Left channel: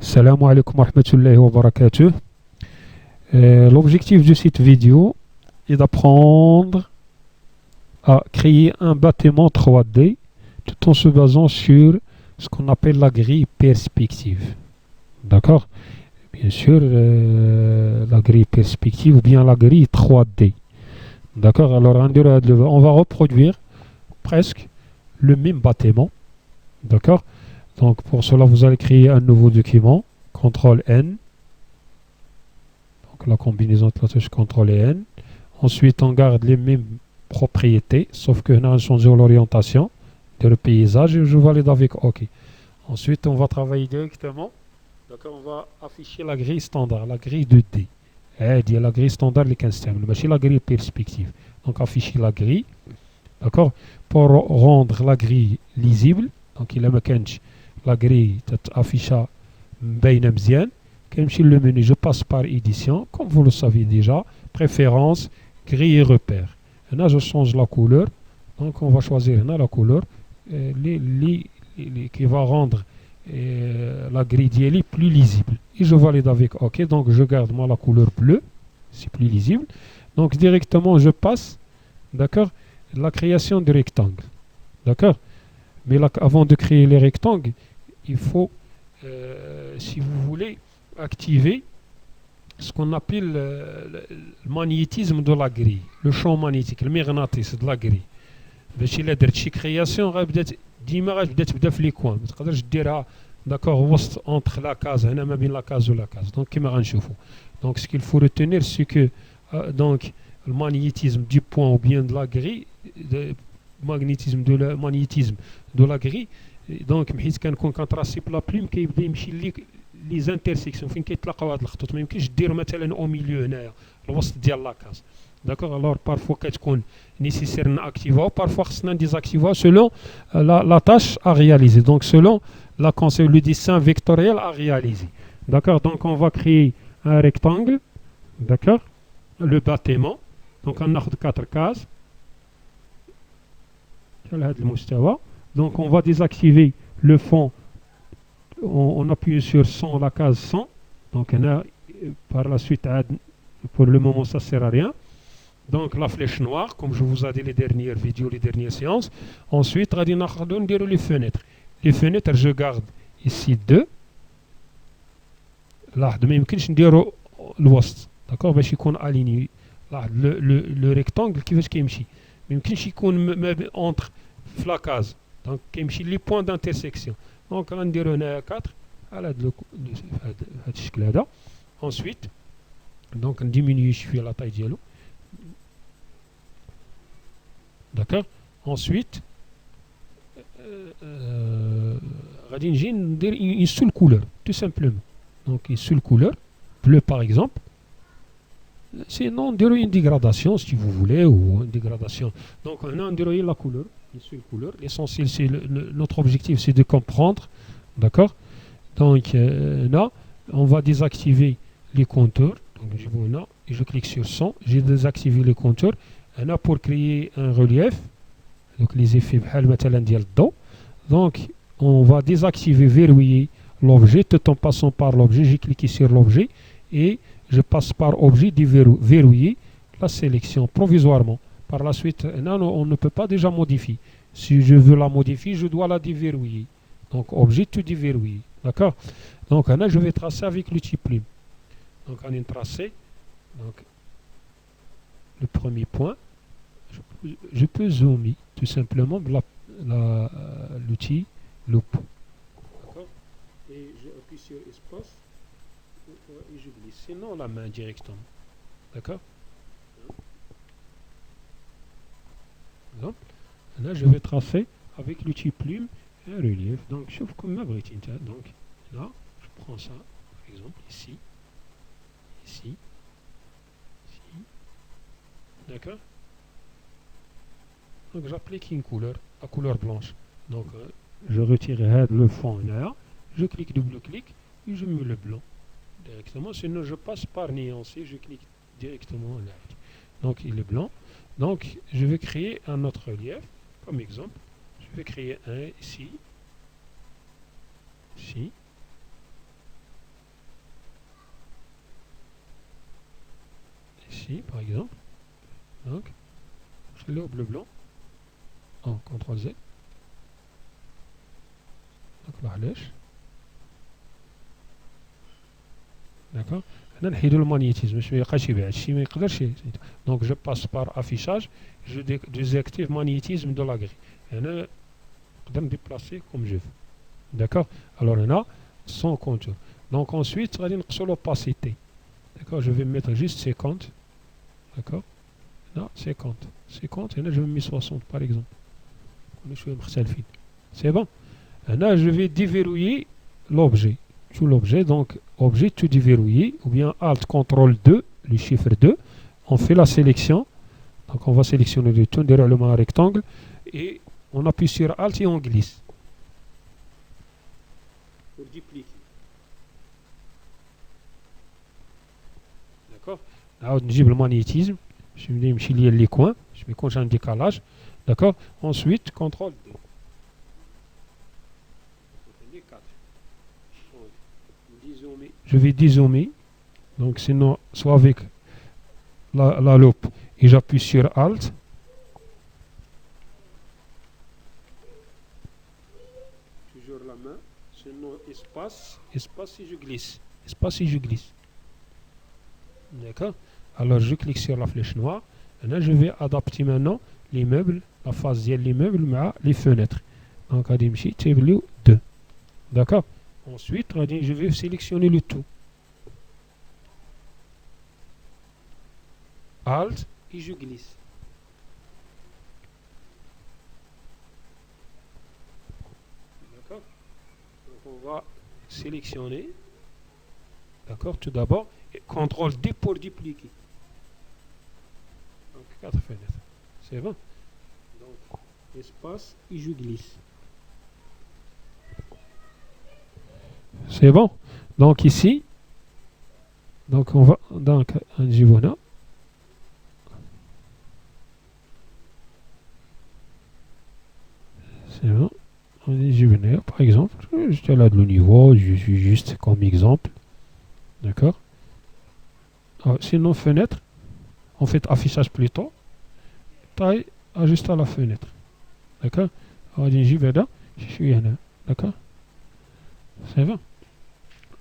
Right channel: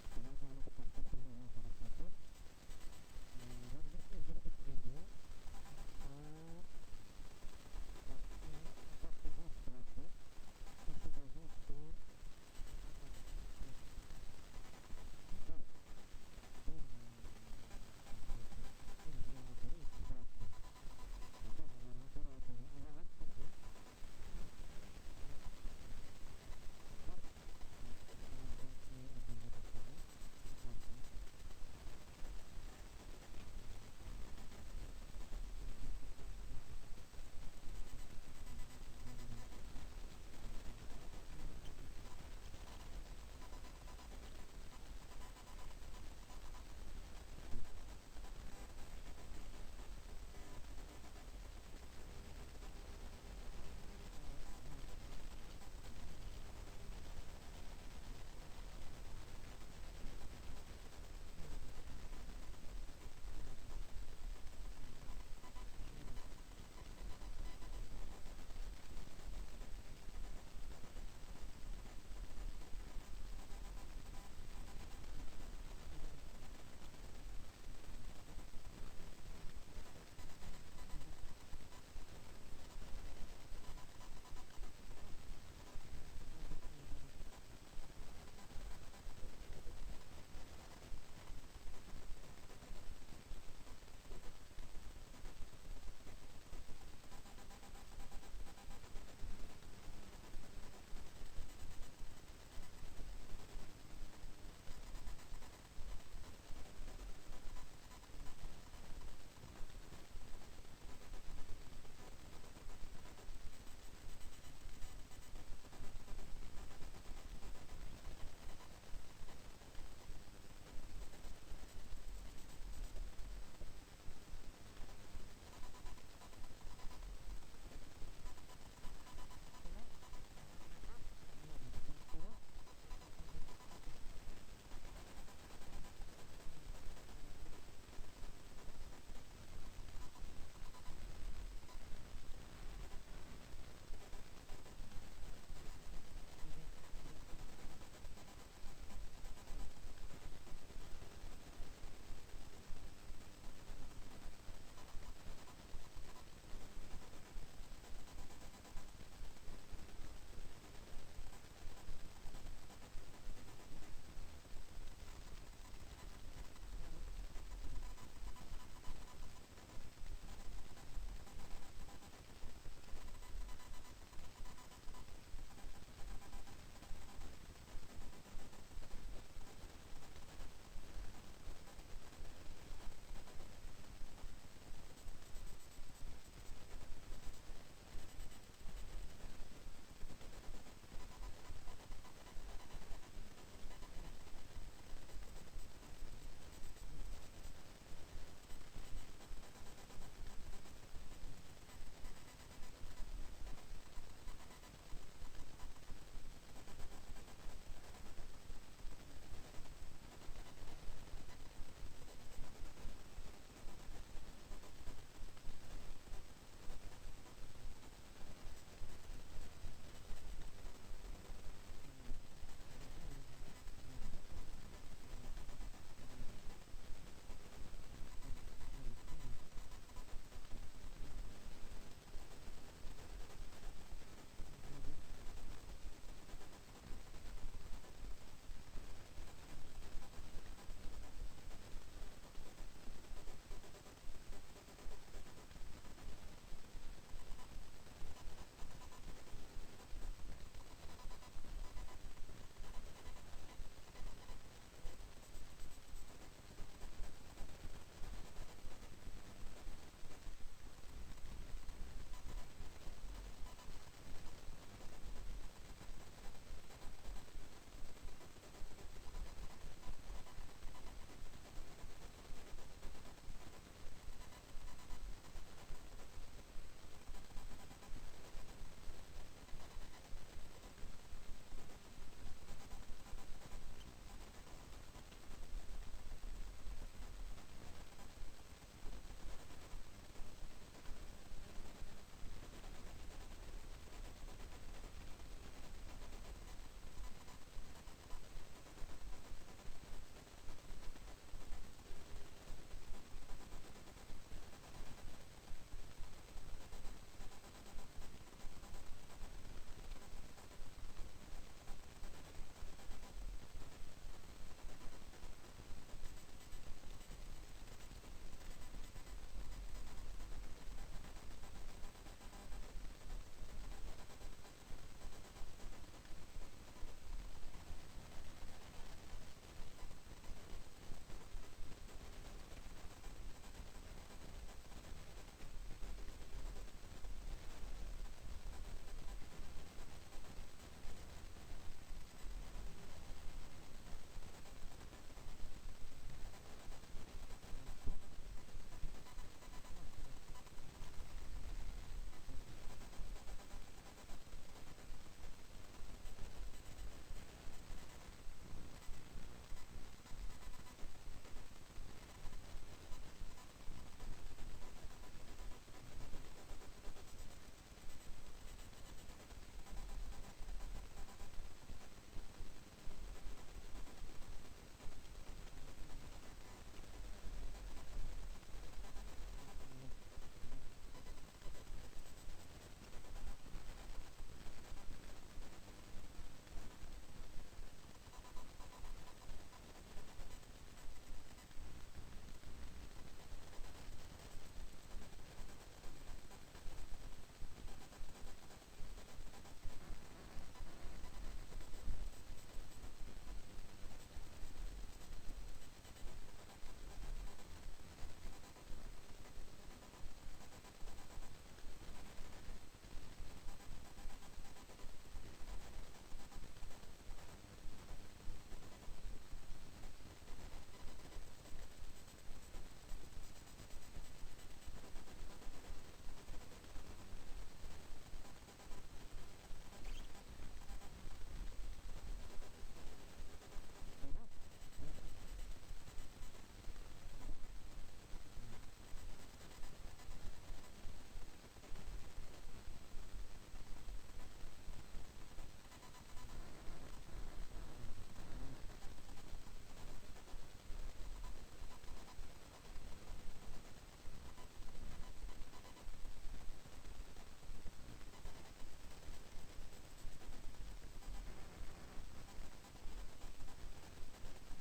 Salam alaikum wa rahmatullahi wa barakatuh. L'objectif de cette vidéo est d'apprendre à créer un bâtiment 3D tout en se basant sur ce qu'on appelle la grille perspective. D'accord? Bien sûr, la grille perspective ou bien la grille 3D. D'accord? Alors, on va reproduire presque le même bâtiment. D'accord? Donc, pour cela, vous allez créer un nouveau document. CTRL N. Donc, la combinaison de la touche CTRL et N. Ensuite, on garde les mêmes propriétés, sauf que nous avons changé l'orientation de paysage et je valide avec OK. Ensuite, on va travailler directement. D'accord, on va afficher la grille standard, la grille 2D. Il y a la grille standard, les 15 termes, mais c'est la grille perspective. Donc, afficher la grille. D'accord, pour rendre la grille lisible. Donc, il y a la grille affichée bien مزيان. Comme le menu, je passe par édition, comme vous le savez déjà, préférence, grille et repère. Et là, je change la couleur. Donc, on va choisir là, la couleur qui va rendre la grille d'IELI plus lisible. Et je valide avec OK. Donc, je garde moi la couleur bleue. C'est plus lisible. Donc, directement, je passe, d'accord, la création de rectangles. D'accord? Mais là, avant de créer les rectangles, il faut, si vous voulez, activer ce qu'on appelle le magnétisme de la grille, le champ magnétique, le magnétisme de la grille. باش الا درت شي كرياسيون غتبدا ديما غتبدا تبدا في لي كوان، ما تقدرش ديرها داكور وسط اونتر لا كاز هنا ما بين لا كاز ولا كاز. دونك كيما غنشوفوا، دونك ce qu'il faut retenir c'est que donc le magnétisme du point ou bien de la grille, le magnétisme de la grille. دونك حيت كنكون كنتراسي بلا بلوم كيبدا يمشي لي زانترسيكسيون فين كيتلاقاو هاد الخطوط، ما يمكنش دير مثلا او ميليو هنايا الوسط ديال لاكاز. داكوغ، الوغ بارفوا كتكون nécessaire d'activer, parfois c'est désactiver selon la tâche à réaliser, donc selon le dessin vectoriel à réaliser. D'accord, donc on va créer un rectangle, d'accord, le bâtiment, donc on a 4 cases. Donc on va désactiver le fond, on appuie sur 100, la case 100, donc on a, par la suite, pour le moment ça ne sert à rien. Donc la flèche noire, comme je vous ai dit les dernières vidéos, les dernières séances. Ensuite, on va dire les fenêtres. Les fenêtres, je garde ici 2. Là, de même que je dis l'ouest. D'accord, باش يكون aligné. Là, le rectangle qui veut qu'il mais كاينش يكون entre la case. Donc كيمشي les points d'intersection. Donc غنديرو هنا 4 على هذا الشكل هذا. Ensuite, donc on diminue شويه la taille ديالو. D'accord. Ensuite, une seule couleur, tout simplement. Donc une seule couleur, bleu par exemple. Sinon, on dirait une dégradation si vous voulez, ou une dégradation. Donc on dirait la couleur, une seule couleur. L'essentiel, c'est notre objectif, c'est de comprendre. D'accord. Donc là, on va désactiver les contours. Donc je clique sur 100, j'ai désactivé les contours. Là, pour créer un relief, donc les effets donc on va désactiver, verrouiller l'objet tout en passant par l'objet. J'ai cliqué sur l'objet et je passe par objet verrouiller la sélection provisoirement. Par la suite, là, on ne peut pas déjà modifier. Si je veux la modifier, je dois la déverrouiller. Donc objet tout déverrouiller. D'accord. Donc là, je vais tracer avec l'outil plume. Donc on est tracé. Donc le premier point, je peux zoomer tout simplement l'outil loupe. Et j'appuie sur espace et je glisse. Sinon la main directement. D'accord. Donc là je vais tracer avec l'outil plume un relief. Donc je trouve comme ma brique. Donc là je prends ça par exemple ici, ici. D'accord. Donc j'applique une couleur, la couleur blanche. Donc je retire le fond là, je clique, double-clic et je mets le blanc directement. Sinon je passe par nuancer, je clique directement là. Donc il est blanc. Donc je vais créer un autre relief, comme exemple. Je vais créer un ici, ici. Ici, par exemple. Donc, je l'ai au bleu blanc. En CTRL Z. Donc, la lèche. D'accord. Le magnétisme. Donc, je passe par affichage. Je désactive le magnétisme de la grille. Et je peux me déplacer comme je veux. D'accord. Alors, on a sans contour. Donc, ensuite, on va sur l'opacité. D'accord. Je vais mettre juste 50. D'accord. Là, 50. 50. Et là, je vais mettre 60, par exemple. C'est bon. Et là, je vais déverrouiller l'objet. Tout l'objet, donc objet tout déverrouillé, ou bien Alt CTRL 2, le chiffre 2. On fait la sélection. Donc, on va sélectionner le tout derrière le rectangle. Et on appuie sur Alt et on glisse. Pour dupliquer. D'accord. Là, on dit le magnétisme. Je vais me lier les coins. Je vais conjuguer un décalage. D'accord. Ensuite, CTRL 2. Je vais dézoomer. Donc, sinon, soit avec la loupe et j'appuie sur Alt. Toujours la main. Sinon, espace. Espace si je glisse. Espace si je glisse. D'accord. Alors, je clique sur la flèche noire. Et là, je vais adapter maintenant les meubles, la face de l'immeuble, mais les fenêtres. Donc, à Dimchi, tableau 2. D'accord. Ensuite, je vais sélectionner le tout. Alt et je glisse. D'accord. Donc, on va sélectionner. D'accord. Tout d'abord, CTRL D pour dupliquer. Donc, 4 fenêtres. C'est bon. Donc, espace et je glisse. C'est bon. Donc ici, donc on va donc un Givona. C'est bon. On est Givona, par exemple. J'étais là de le niveau, je suis juste comme exemple. D'accord. Sinon fenêtre, on fait affichage plutôt. Taille, ajuste à la fenêtre. D'accord. On dit Givona, je suis là. D'accord. C'est bon.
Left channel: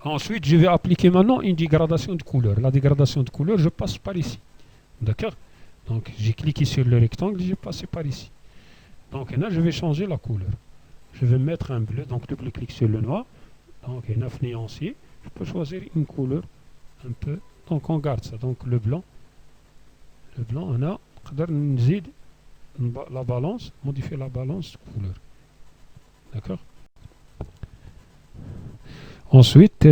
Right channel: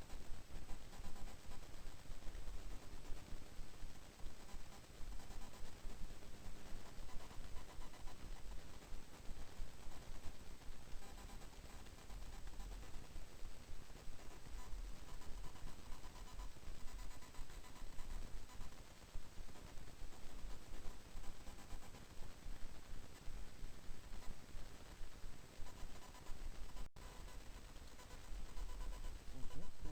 Ensuite, je vais appliquer maintenant une dégradation de couleur. La dégradation de couleur, je passe par ici. D'accord. Donc, j'ai cliqué sur le rectangle et j'ai passé par ici. Donc, là, je vais changer la couleur. Je vais mettre un bleu. Donc, double clic sur le noir. Donc, 9 nuanciers. Je peux choisir une couleur un peu. Donc, on garde ça. Donc, le blanc. Le blanc, on a la balance. Modifier la balance de couleur. D'accord. Ensuite,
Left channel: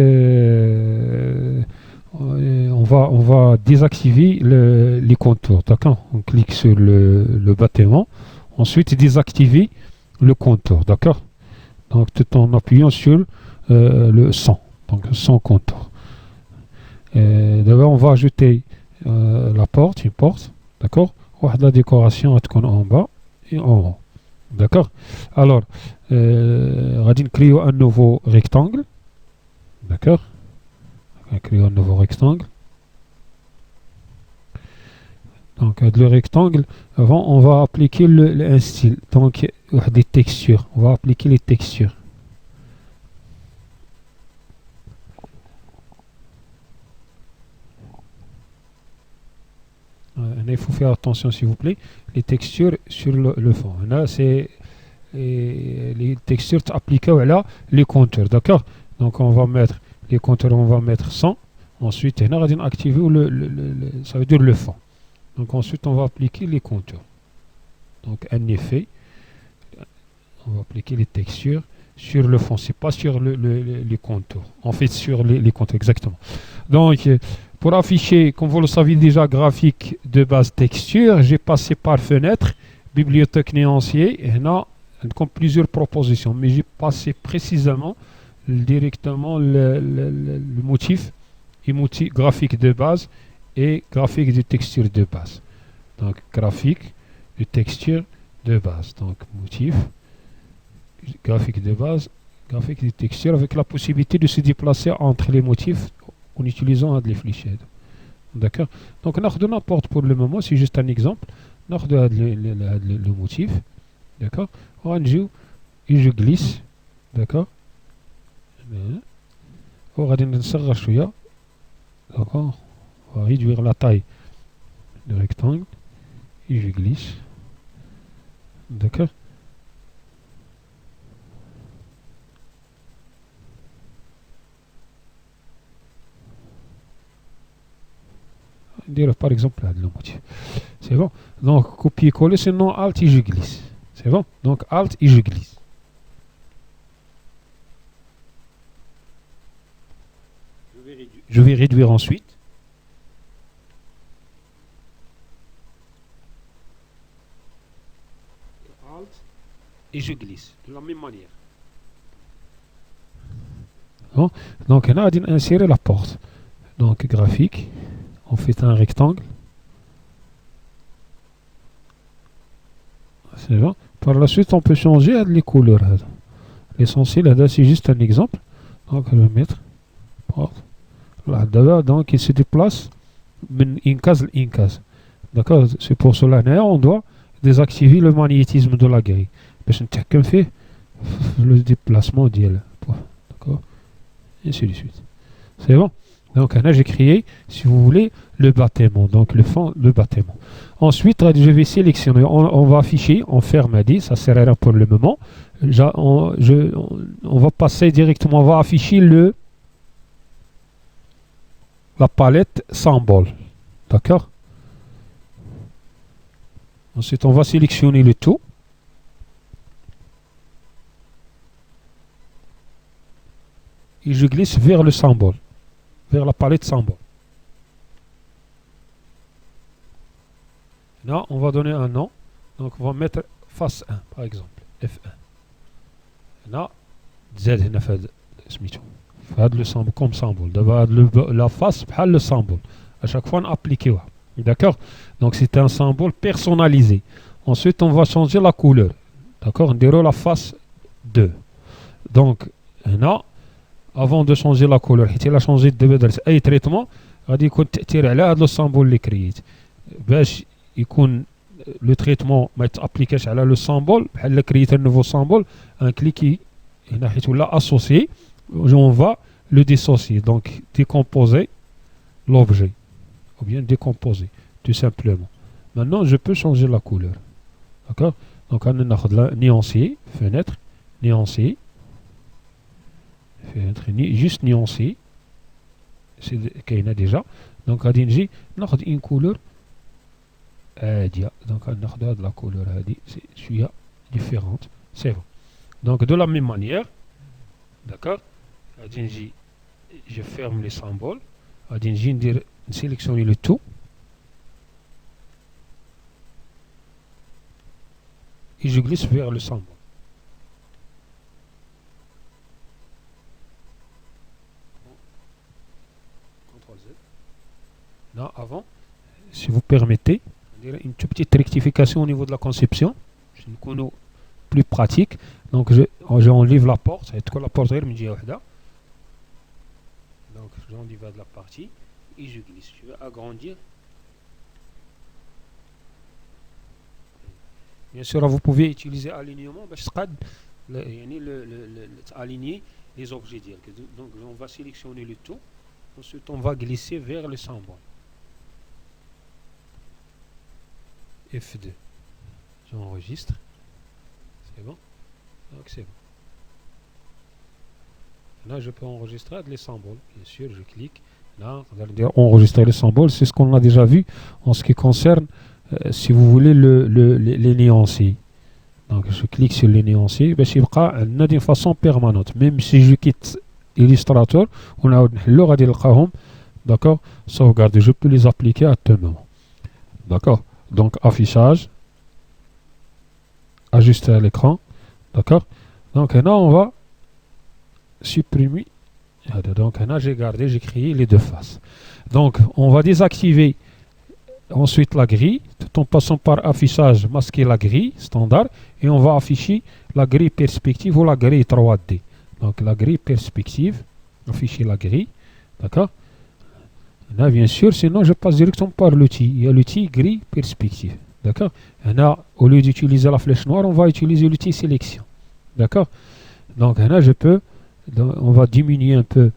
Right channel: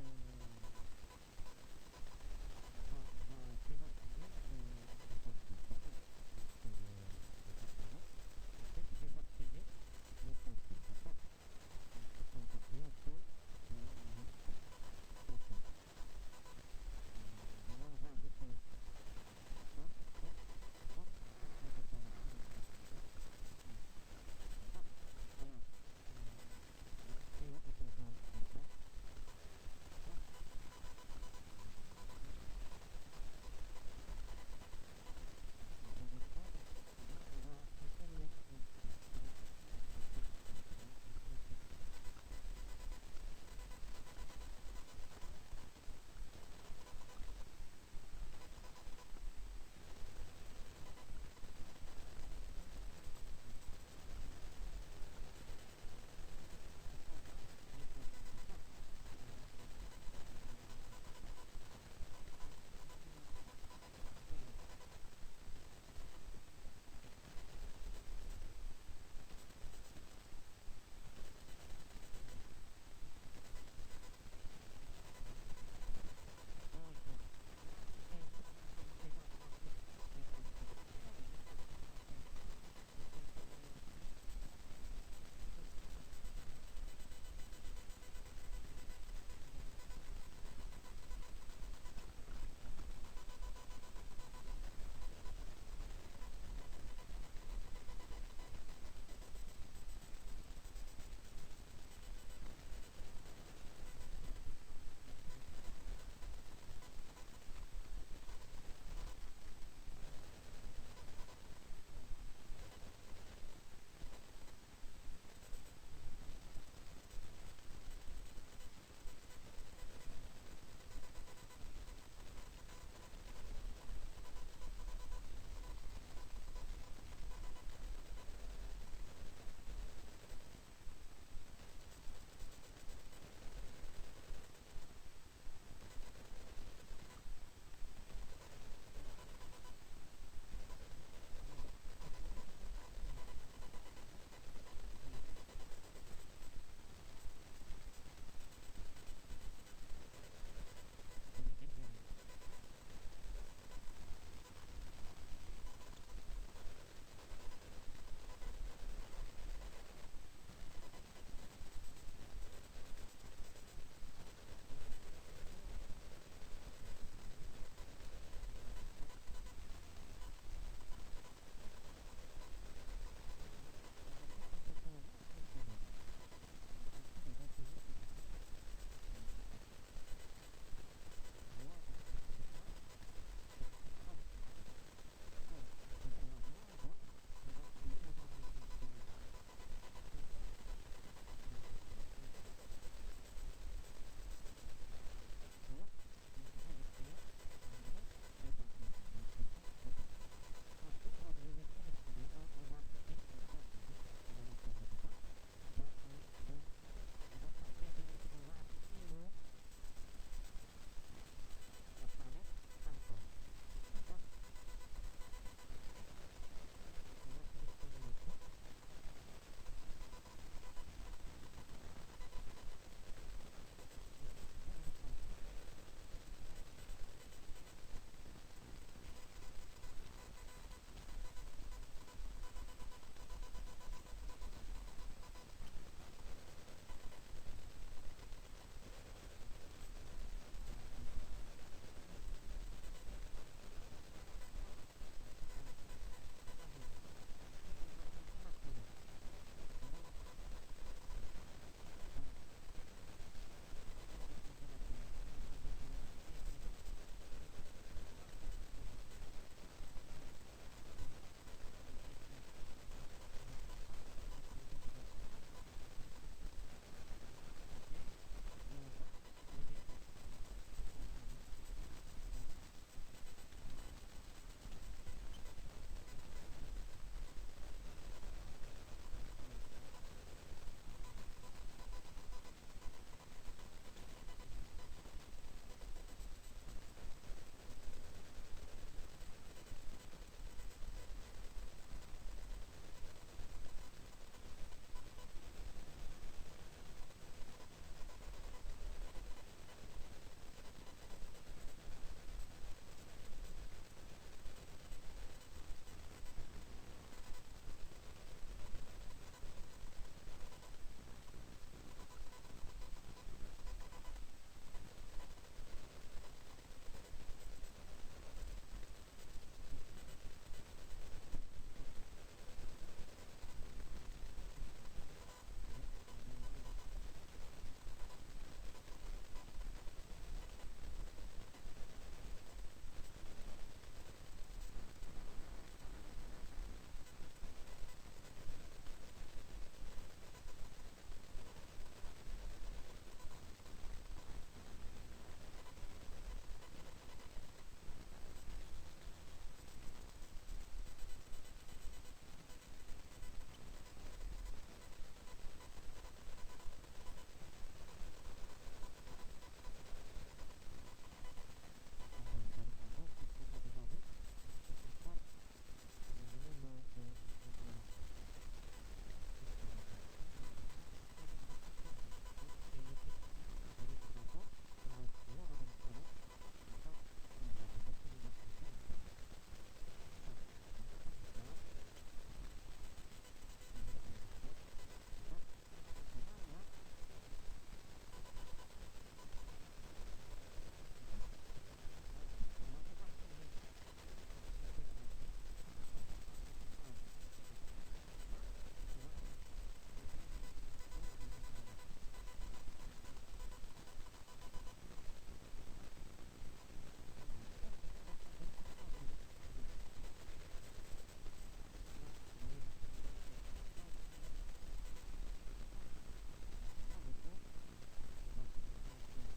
on va désactiver les contours. D'accord. On clique sur le bâtiment. Ensuite, désactiver le contour. D'accord. Donc, tout en appuyant sur le sans. Donc, sans contour. D'abord, on va ajouter la porte, une porte. D'accord. La décoration en bas et en haut. D'accord. Alors, on va créer un nouveau rectangle. D'accord. On va créer un nouveau rectangle. Donc, le rectangle, avant, on va appliquer un style. Donc, des textures. On va appliquer les textures. Il faut faire attention, s'il vous plaît. Les textures sur le fond. Là, c'est les textures appliquées à les contours. D'accord. Donc, on va mettre les contours, on va mettre 100. Ensuite, on va activer ça veut dire le fond. Donc, ensuite, on va appliquer les contours. Donc, un effet. On va appliquer les textures sur le fond. C'est pas sur les contours. En fait, sur les contours, exactement. Donc, pour afficher, comme vous le savez déjà, graphique de base texture, j'ai passé par fenêtre, bibliothèque nuancier, et on a comme plusieurs propositions. Mais j'ai passé précisément directement le motif graphique de base et graphique de texture de base. Donc graphique de texture de base. Donc motif, graphique de base, graphique des textures avec la possibilité de se déplacer entre les motifs en utilisant les fléchettes. D'accord. Donc n'importe pour le moment, c'est juste un exemple. Le motif. D'accord. Et je glisse. D'accord. On va réduire la taille du rectangle et je glisse. D'accord. Dire par exemple là, le motif. C'est bon. Donc copier-coller, sinon Alt et je glisse. C'est bon. Donc Alt et je glisse. Je vais réduire ensuite. Alt et je glisse de la même manière. Bon. Donc on a insérer la porte. Donc graphique. On fait un rectangle. C'est bon. Par la suite, on peut changer les couleurs. L'essentiel, c'est juste un exemple. Donc, je vais mettre porte. Là, donc, il se déplace d'une case à une case. D'accord. C'est pour cela on doit désactiver le magnétisme de la grille. Parce que fait le déplacement d'elle. D'accord. Et ainsi de suite. C'est bon. Donc là, j'ai créé, si vous voulez, le bâtiment. Donc le fond, le bâtiment. Ensuite, je vais sélectionner. On va afficher, on ferme à 10, ça sert à rien pour le moment. On va passer directement, on va afficher la palette symbole. D'accord. Ensuite, on va sélectionner le tout. Et je glisse vers le symbole. Vers la palette symbole. Là, on va donner un nom. Donc, on va mettre face 1, par exemple. F1. Là, Z, le symbole comme symbole. La face, le symbole. À chaque fois, on applique. D'accord. Donc, c'est un symbole personnalisé. Ensuite, on va changer la couleur. D'accord. On déroule la face 2. Donc, là, avant de changer la couleur, il a changé de traitement. غادي يكون تأثير على هذا السامبول اللي كرييت باش يكون لو تريتمون ما يتابليكاش على لو سامبول بحال كرييت ان نوفو سامبول ان كليكي هنا حيت ولا اسوسيي on va le dissocier donc décomposer l'objet ou bien décomposer tout simplement. Maintenant je peux changer la couleur. D'accord. Donc on ناخذ la nuancier fenêtre nuancier juste nuancé c'est qu'il y a déjà donc à نجي ناخذ une couleur donc ناخذ la couleur c'est شويه différente. C'est bon. Donc de la même manière, d'accord, je ferme les symboles, je sélectionne le tout et je glisse vers le symbole. Là, avant, si vous permettez, une toute petite rectification au niveau de la conception, plus pratique. Donc j'enlève la porte, c'est que la porte est donc j'enlève la partie et je glisse. Je vais agrandir. Bien sûr, vous pouvez utiliser alignement, aligner les objets. Donc on va sélectionner le tout, ensuite on va glisser vers le symbole. F2. J'enregistre. C'est bon. Donc c'est bon. Là, je peux enregistrer les symboles. Bien sûr, je clique. Là, vous allez dire enregistrer les symboles. C'est ce qu'on a déjà vu en ce qui concerne, si vous voulez, les nuanciers. Donc, je clique sur les nuanciers. C'est d'une façon permanente. Même si je quitte Illustrator, on a le d'accord, sauvegarder. Je peux les appliquer à tout moment. D'accord. Donc, affichage. Ajuster à l'écran. D'accord. Donc, là, on va supprimer. Donc, là, j'ai gardé, j'ai créé les deux faces. Donc, on va désactiver ensuite la grille, tout en passant par affichage, masquer la grille standard, et on va afficher la grille perspective ou la grille 3D. Donc la grille perspective, afficher la grille, d'accord. Là, bien sûr, sinon je passe directement par l'outil. Il y a l'outil grille perspective, d'accord. Là, au lieu d'utiliser la flèche noire, on va utiliser l'outil sélection, d'accord. Donc là, on va diminuer un peu,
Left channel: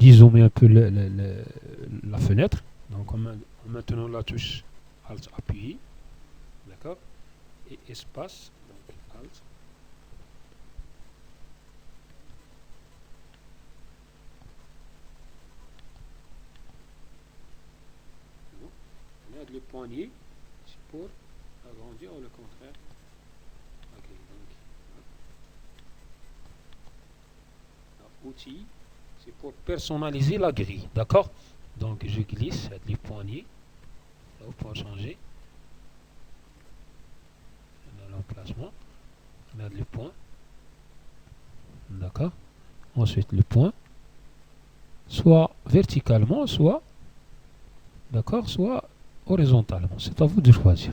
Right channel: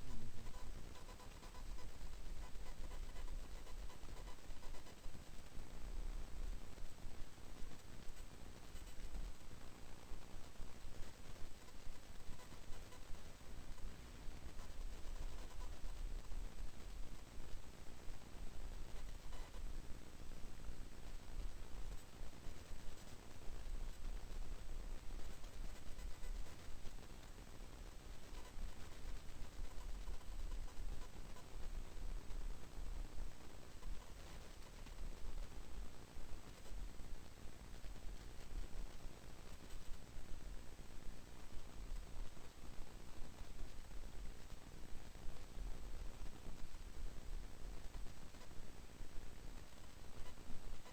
dézoomer un peu la fenêtre. Donc en maintenant la touche Alt appuyé, d'accord, et espace, donc Alt. Le poignet, c'est pour agrandir ou le contraire. Outil, c'est pour personnaliser la grille, d'accord. Donc je glisse les poignées pour changer. On a l'emplacement, on a le point, d'accord. Ensuite le point, soit verticalement, soit, d'accord, soit horizontalement. C'est à vous de choisir.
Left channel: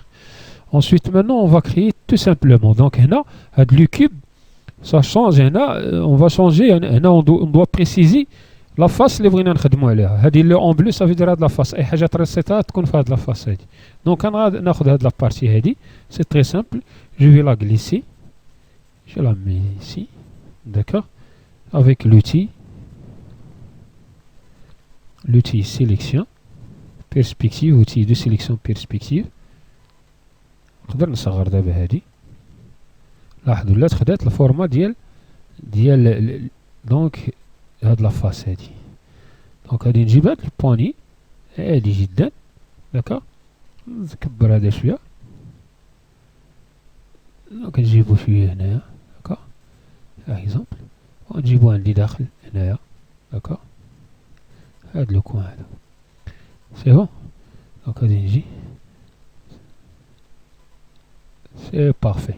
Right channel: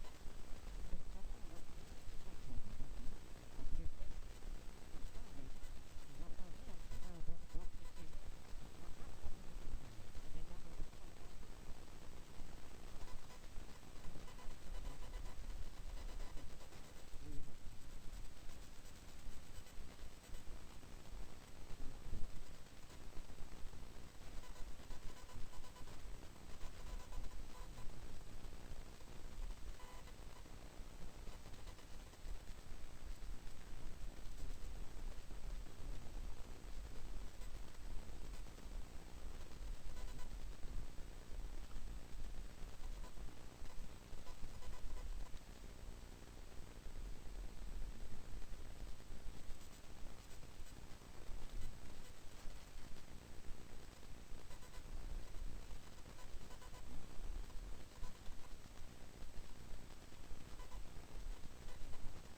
Ensuite, maintenant, on va créer tout simplement. Donc, le cube, ça change. On va changer. On doit préciser la face اللي بغينا نخدموا عليها. هذه اللي en bleu, ça veut dire la face. أي حاجة ترسيتها تكون في هذه la face هذه. Donc, أنا ناخذ هذه la partie هذه. C'est très simple. Je vais la glisser. Je la mets ici. D'accord. Avec l'outil sélection. Perspective, outil de sélection perspective. نقدر نصغر دابا هادي. لاحظوا لا خدات الفورما ديال دونك هاد لافاس هادي. دونك غادي نجيب هاد البواني عادي جدا، داكوغ. نكبر هذا شويه، دونك نجيبو شويه هنايا، داكوغ، اكزومبل، ونجيبو عندي داخل هنايا، داكوغ. هاد لو كوان هذا سي بون. دونك غادي نجي، سي بارفي.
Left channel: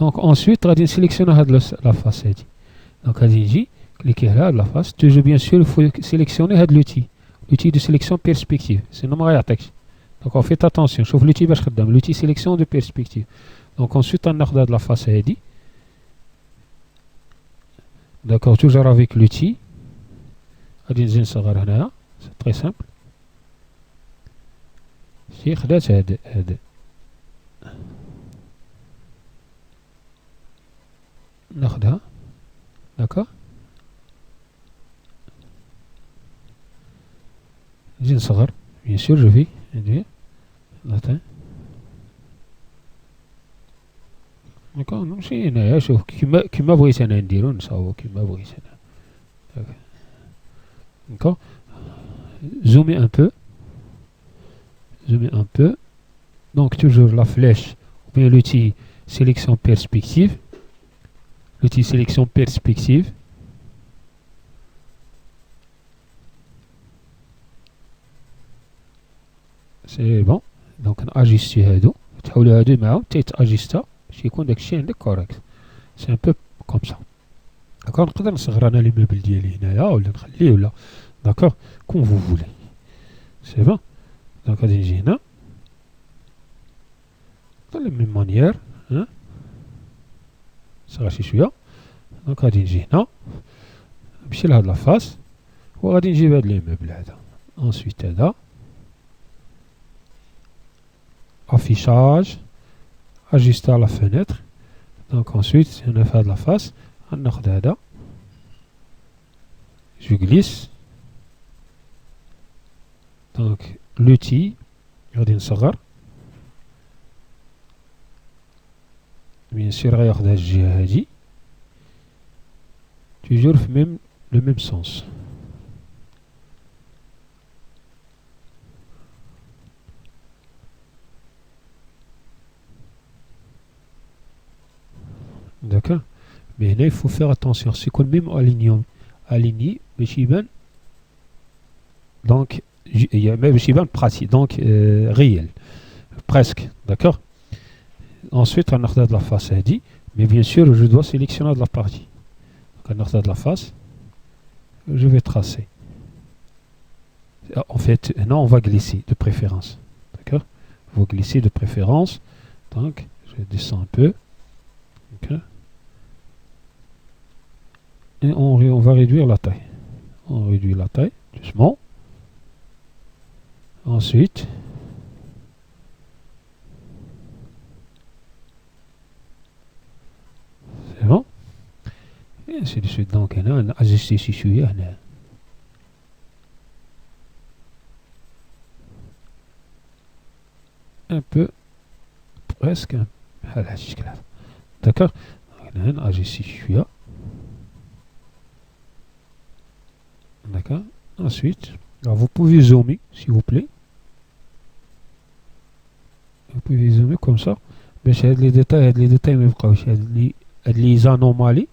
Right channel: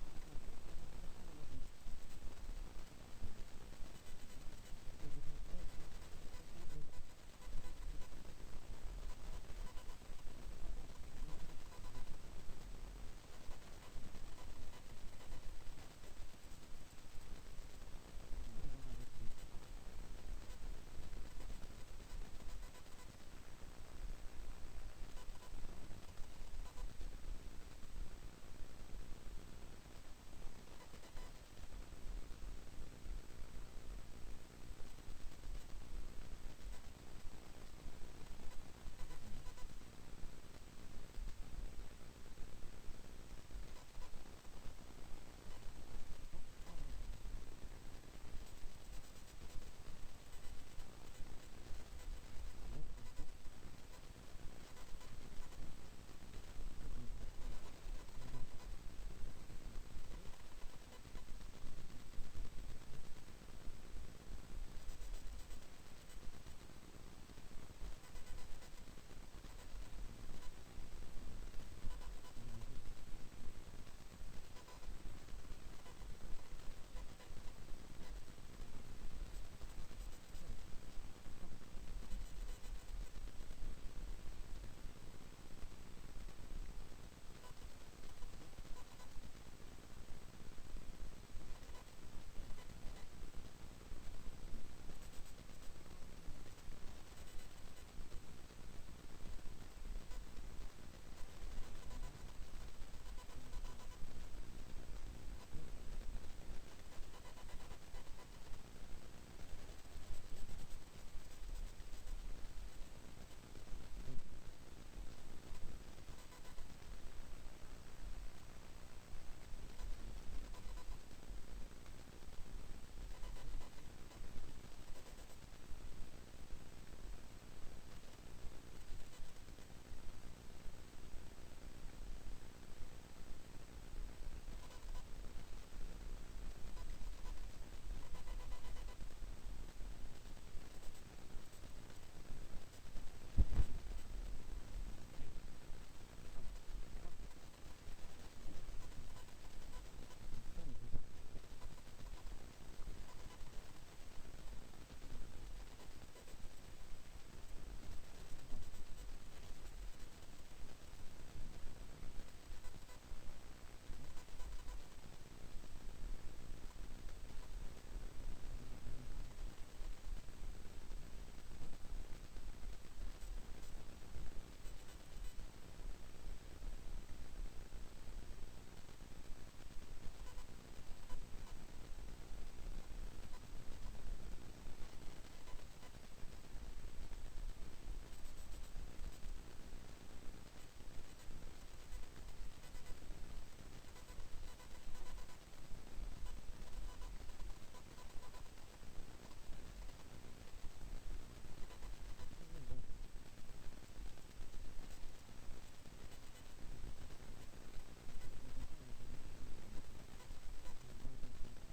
دونك ensuite غادي نسيليكسيوني هاد لا فاس هادي. دونك غادي نجي كليكي على هاد لا فاس. توجور بيان سور يفو سيليكسيوني هاد لوتي دو سيليكسيون بيرسبكتيف، سينو ما غيعطيكش. دونك فيت اتونسيون، شوف لوتي باش خدام، لوتي سيليكسيون دو بيرسبكتيف. دونك ensuite غناخد هاد لا فاس هادي، داكوغ، توجور افيك لوتي. غادي نزيد نصغر هنايا، سي تري سامبل. سي خدات هاد ناخدها، داكوغ. نزيد نصغر بيان سور، جو في ندير لاتان، داكوغ. نمشي هنايا، شوف كيما بغيت انا نديرو، نصاوبو كيما بغيت انا، داكوغ. زومي ان بو، donc toujours la flèche ou bien l'outil sélection perspective, c'est bon. donc ناجيستي هادو، تحولوا هادو معاهم حتى يتاجيستا باش يكون داكشي عندك كوريكت. سي ان بو كوم سا، داكوغ. نقدر نصغر انا لي موبل ديالي هنايا ولا نخليه ولا، داكوغ، كوم فو فولي، سي بون. دونك غادي نجي هنا de la même manière، صغر شي شويه. دونك غادي نجي هنا، نمشي لهاد لافاس، وغادي نجيب هاد لي موبل هذا. انسويت هذا افيشاج، اجيستي على فenêtre. دونك انسويت هنا في هاد لافاس غناخد هذا، جو غليس. دونك لوتي غادي نصغر، بيان سور غياخد هاد الجهة هادي، توجور في لو ميم سونس. داكوغ. مي هنا يفو فيغ اتونسيون، سي يكون ميم اليني باش يبان، دونك باش يبان براتيك، دونك ريال بريسك، داكوغ. Ensuite, on a la face هادي، mais bien sûr, je dois sélectionner de la partie. On a de la face, je vais tracer. En fait, non, on va glisser de préférence, d'accord. Il faut glisser de préférence. Donc, je descends un peu. Okay. et on va réduire la taille. On réduit la taille doucement. Ensuite, c'est bon. Et ainsi de suite. Donc, on a ajusté si شوية هنا. Un peu, presque, بحال هاد الشكل هذا. D'accord. On a ajusté شوية. D'accord. Ensuite, alors vous pouvez zoomer, s'il vous plaît. Vous pouvez zoomer comme ça. باش هاد لي ديتاي ما يبقاوش، هاد لي زانومالي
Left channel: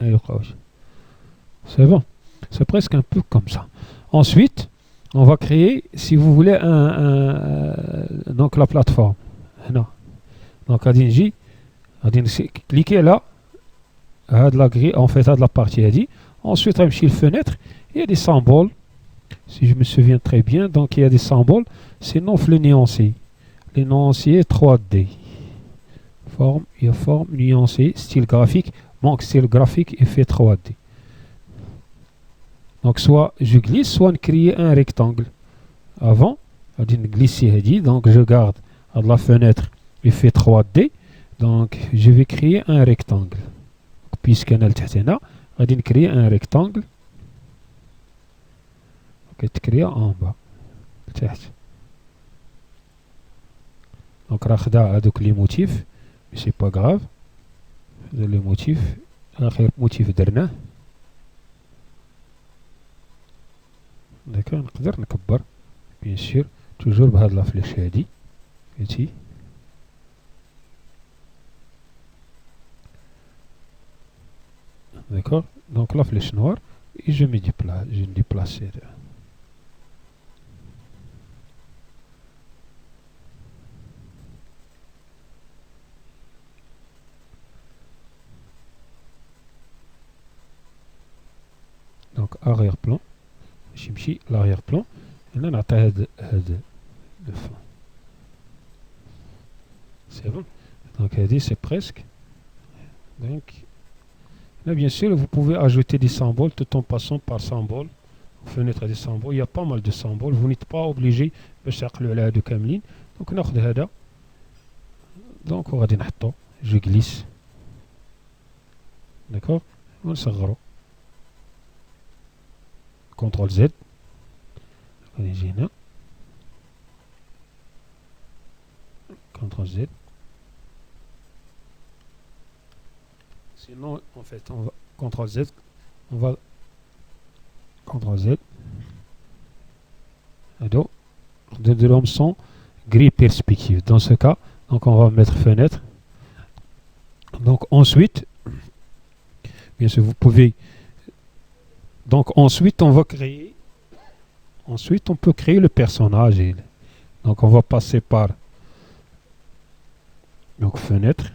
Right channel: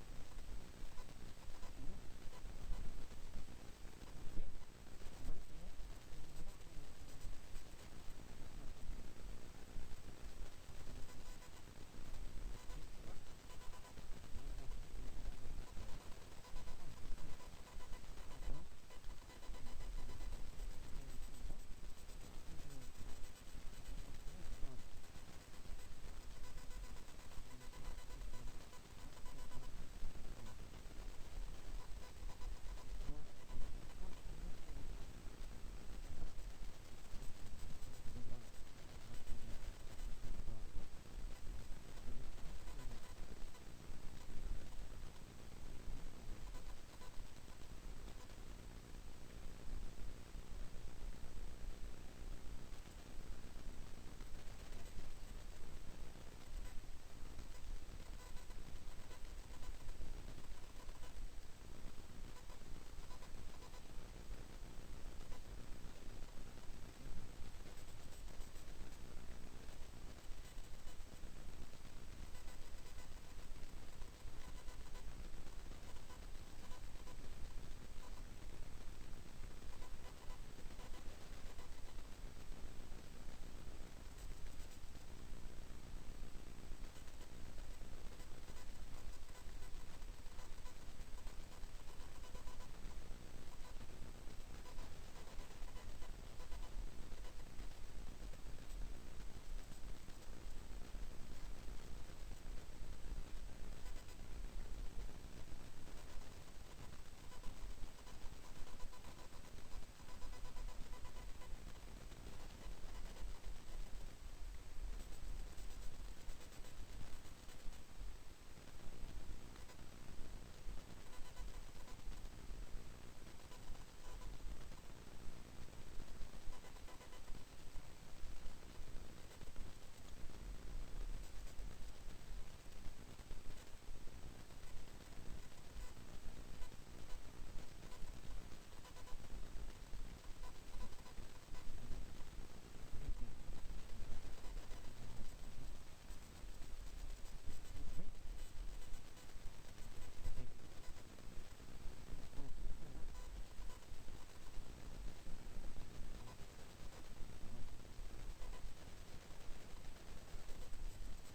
ما يبقاوش. C'est bon. C'est presque un peu comme ça. Ensuite, on va créer, si vous voulez, donc la plateforme. Non. Donc, cliquez là, à la grille, en fait, à la partie. Ensuite, on le fenêtre, il y a des symboles. Si je me souviens très bien, donc il y a des symboles. C'est non le nuancé. Les nuanciers 3D. Forme, il y a forme, nuancé, style graphique. Donc, style graphique, effet 3D. Donc, soit je glisse, soit créer un rectangle. Avant, on va glisser, donc je garde à la fenêtre effet 3D. Donc, je vais créer un rectangle. Puisqu'on a le تحتنا, on va créer un rectangle. On va créer en bas. Donc, on va les motifs. Mais c'est pas grave. Les motifs. Motif درنا. D'accord, نقدر نكبر bien sûr toujours بهاد لا فليش هادي فهمتي. D'accord, donc la flèche noire et je me déplace. Donc arrière-plan. Chimchi, l'arrière-plan. Et là, on a de fond. C'est bon. Donc, c'est presque. Donc, là, bien sûr, vous pouvez ajouter des symboles tout en passant par symbole. Fenêtre des symboles. Il y a pas mal de symboles. Vous n'êtes pas obligé de chercher le de Kamlin. Donc, on a de donc, on va dire, je glisse. D'accord. On s'agrandit. CTRL Z. CTRL Z. Sinon, en fait, on va CTRL Z. On va CTRL Z. Alors, de l'homme son gris perspective. Dans ce cas, donc on va mettre fenêtre. Donc ensuite, bien sûr, vous pouvez. Donc ensuite, on va créer. Ensuite, on peut créer le personnage. Donc on va passer par donc fenêtre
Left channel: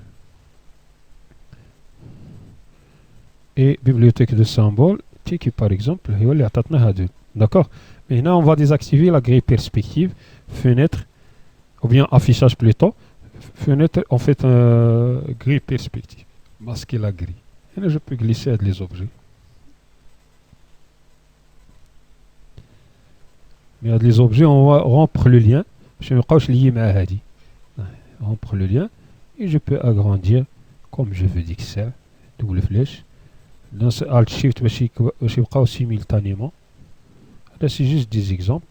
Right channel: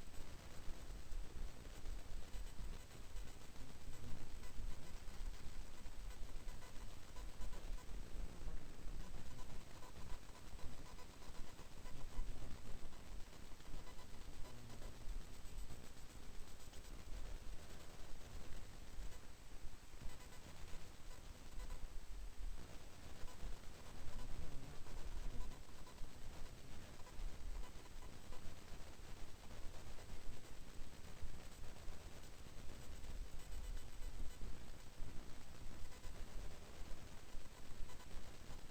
et bibliothèque de symboles. Qui par exemple, d'accord. Maintenant, on va désactiver la grille perspective, fenêtre ou bien affichage plutôt. Fenêtre, en fait, grille perspective. Masquer la grille. Et là, je peux glisser les objets. Mais les objets, on va rompre le lien. Je vais rompre le lien et je peux agrandir comme je veux dire que ça. Double flèche. Dans ce Alt Shift, je vais simultanément. Là, c'est juste des exemples.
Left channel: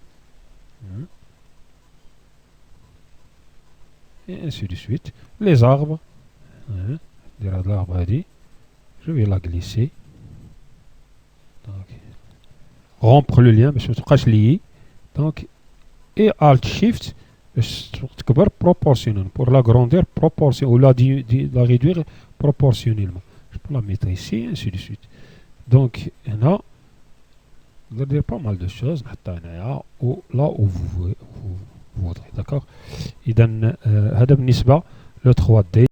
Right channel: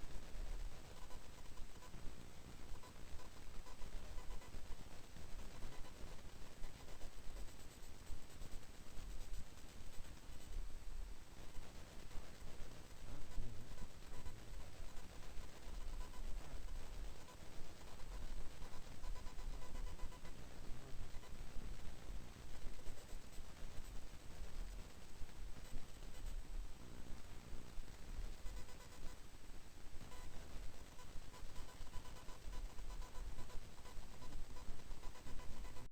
Et ainsi de suite. Les arbres. L'arbre a dit. Je vais la glisser. Donc, rompre le lien, je vais lier. Donc, et Alt Shift, proportionnel. Pour la grandeur proportionnelle, ou la réduire proportionnellement. Je peux la mettre ici, et ainsi de suite. Donc, il y a pas mal de choses. Là où vous voudrez. D'accord. Et dans le 3D.